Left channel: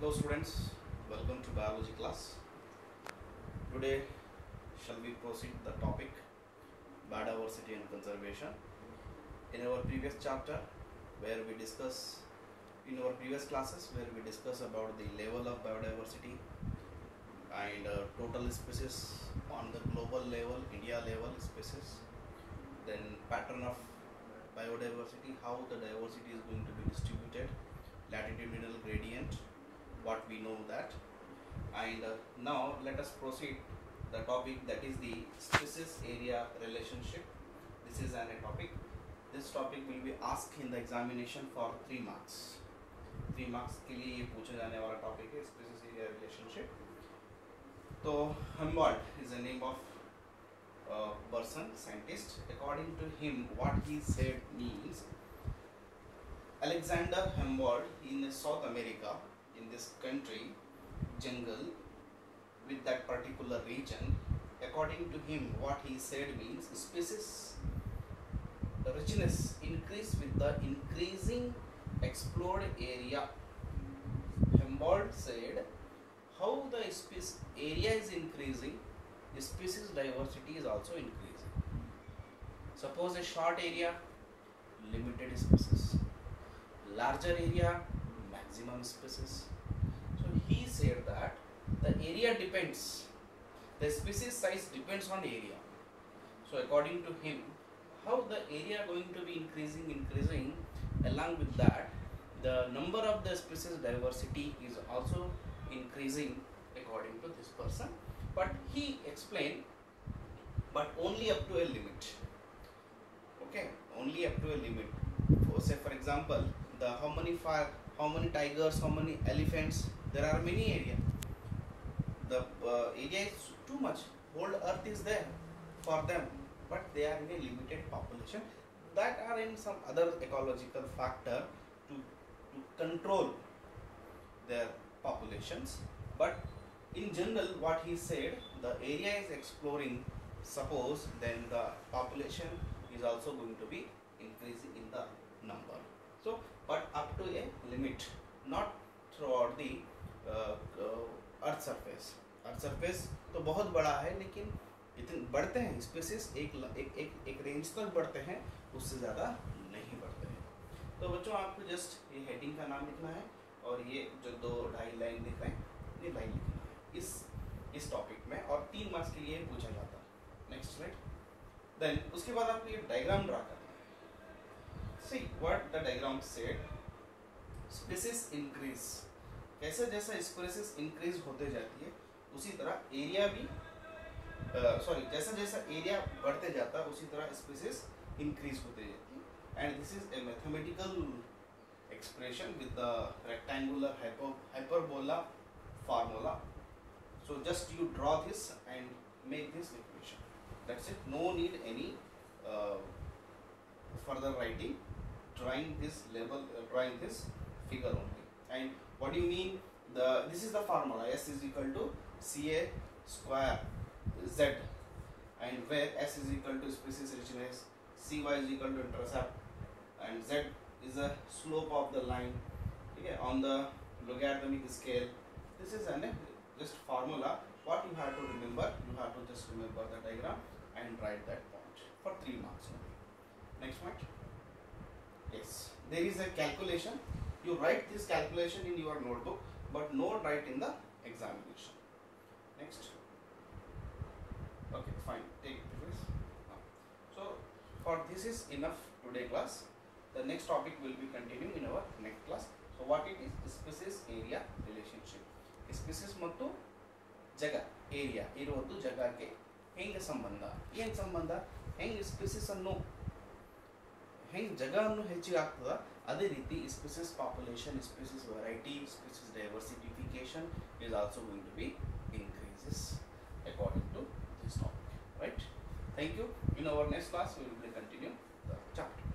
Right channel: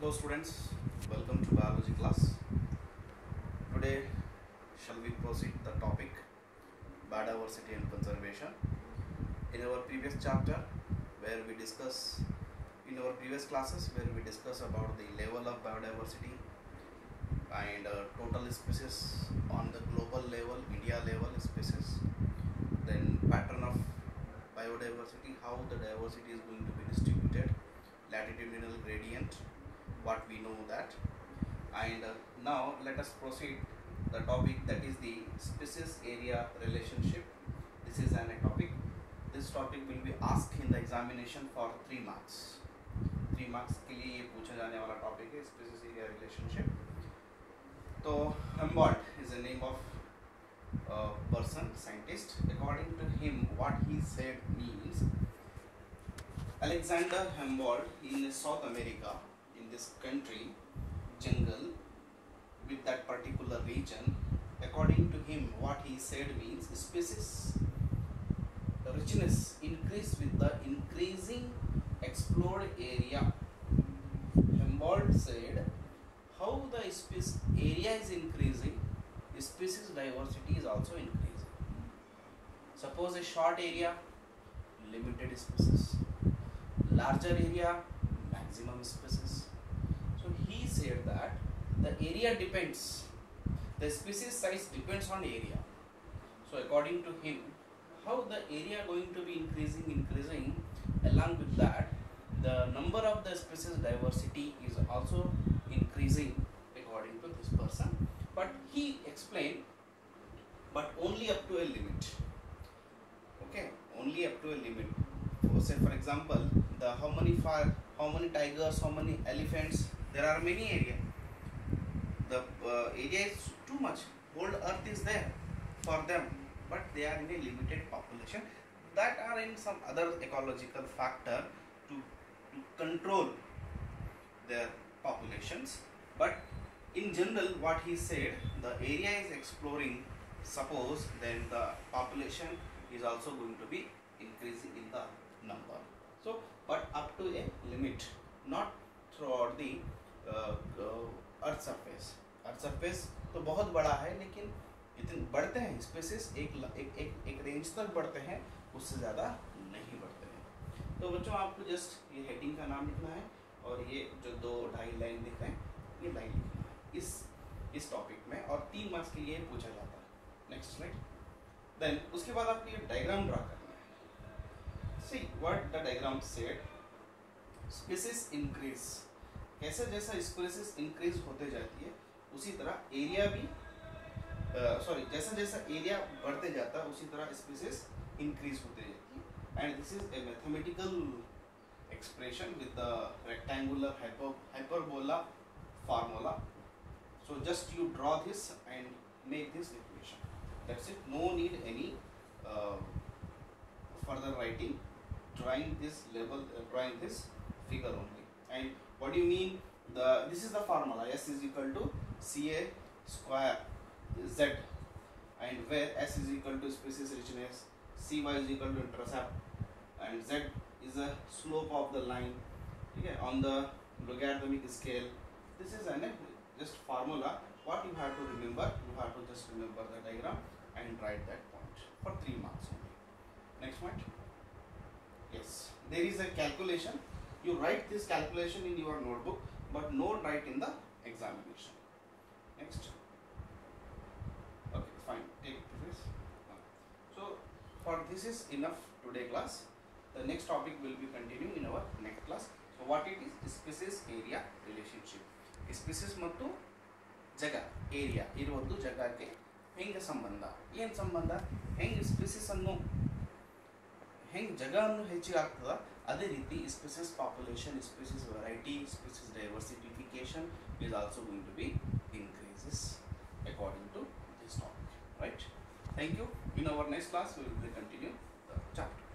Hello students, welcome to biology class. Today shall we proceed the topic biodiversity and conservation. In our previous chapter where we discuss in our previous classes where we discuss about the level of biodiversity and total species on the global level, India level species, then pattern of biodiversity, how the diversity is going to be distributed, latitudinal gradient, what we know that, and now let us proceed the topic, that is the species area relationship. This is an topic. This topic will be asked in the examination for 3 marks. 3 marks के लिए ये पूछा जाने वाला topic है species area relationship. तो Humboldt is the name of a person, scientist. According to him, what he said means Alexander Humboldt in South America, in this country, jungle, with that particular region, according to him, what he said means species richness increase with the increasing explored area. Humboldt said how the species area is increasing, species diversity is also increasing. Suppose a short area, limited species, larger area, maximum species. So he said that the area depends, the species size depends on area. So according to him, how the area going to be increasing, along with that the number of the species diversity is also increasing according to this person. But he explained, but only up to a limit. Okay, only up to a limit. So say for example, the how many tigers, how many elephants, there are many areas. The area is too much. Whole earth is there for them, but they are in a limited population that are in some other ecological factor to control their populations. But in general, what he said, the area is exploring, suppose, then the population is also going to be increasing in the number. So but up to a limit, not throughout the earth surface तो बहुत बड़ा है, लेकिन इतने बढ़ते हैं spaces एक range तक बढ़ते हैं, उससे ज़्यादा नहीं बढ़ते हैं. तो बच्चों आपको जस्ट ये हेडिंग का नाम लिखना है और ये जो 2-2.5 लाइन दिख रहे हैं ये लाइन लिखना है इस टॉपिक में, और 3 मार्क्स के लिए पूछा जाता है. Next slide. देन उसके बाद आपको ये डायग्राम ड्रा करना है. See what the diagram said, species increase, कैसे जैसा स्पेसिस इंक्रीज होते जाती है उसी तरह एरिया भी जैसा जैसा एरिया बढ़ते जाता है उसी तरह स्पेसिस इंक्रीज होते जाती है. And this is a mathematical expression with the rectangular hyperbola formula. So just you draw this and make this equation. That's it. No need any further writing. Drawing this figure only. And what do you mean? This is the formula. S is equal to Ca square Z, and where S is equal to species richness, Cy is equal to intercept, and Z is the slope of the line. Okay, on the logarithmic scale. This is an just formula. What you have to remember, you have to just remember the diagram and write that point for 3 marks only. Next point. Yes, there is a calculation. You write this calculation in your notebook, but not write in the examination. Next. Okay, fine. Take this. So for this is enough today class. The next topic will be continuing in our next class. So what it is? Species area relationship. Species ಮತ್ತು ಜಾಗ area ಇರುವುದು ಜಾಗಕ್ಕೆ ಹೆಂಗೆ ಸಂಬಂಧ, ಏನು ಸಂಬಂಧ, ಹೆಂಗೆ species ಅನ್ನು ಹೆಂಗೆ ಜಾಗವನ್ನು ಹೆಚ್ಚಿಗೆ ಆಗ್ತದ, ಅದೇ ರೀತಿ species population, species variety, species diversification is also going to be increases according to this topic, right? Thank you. In our next class we will continue the chapter.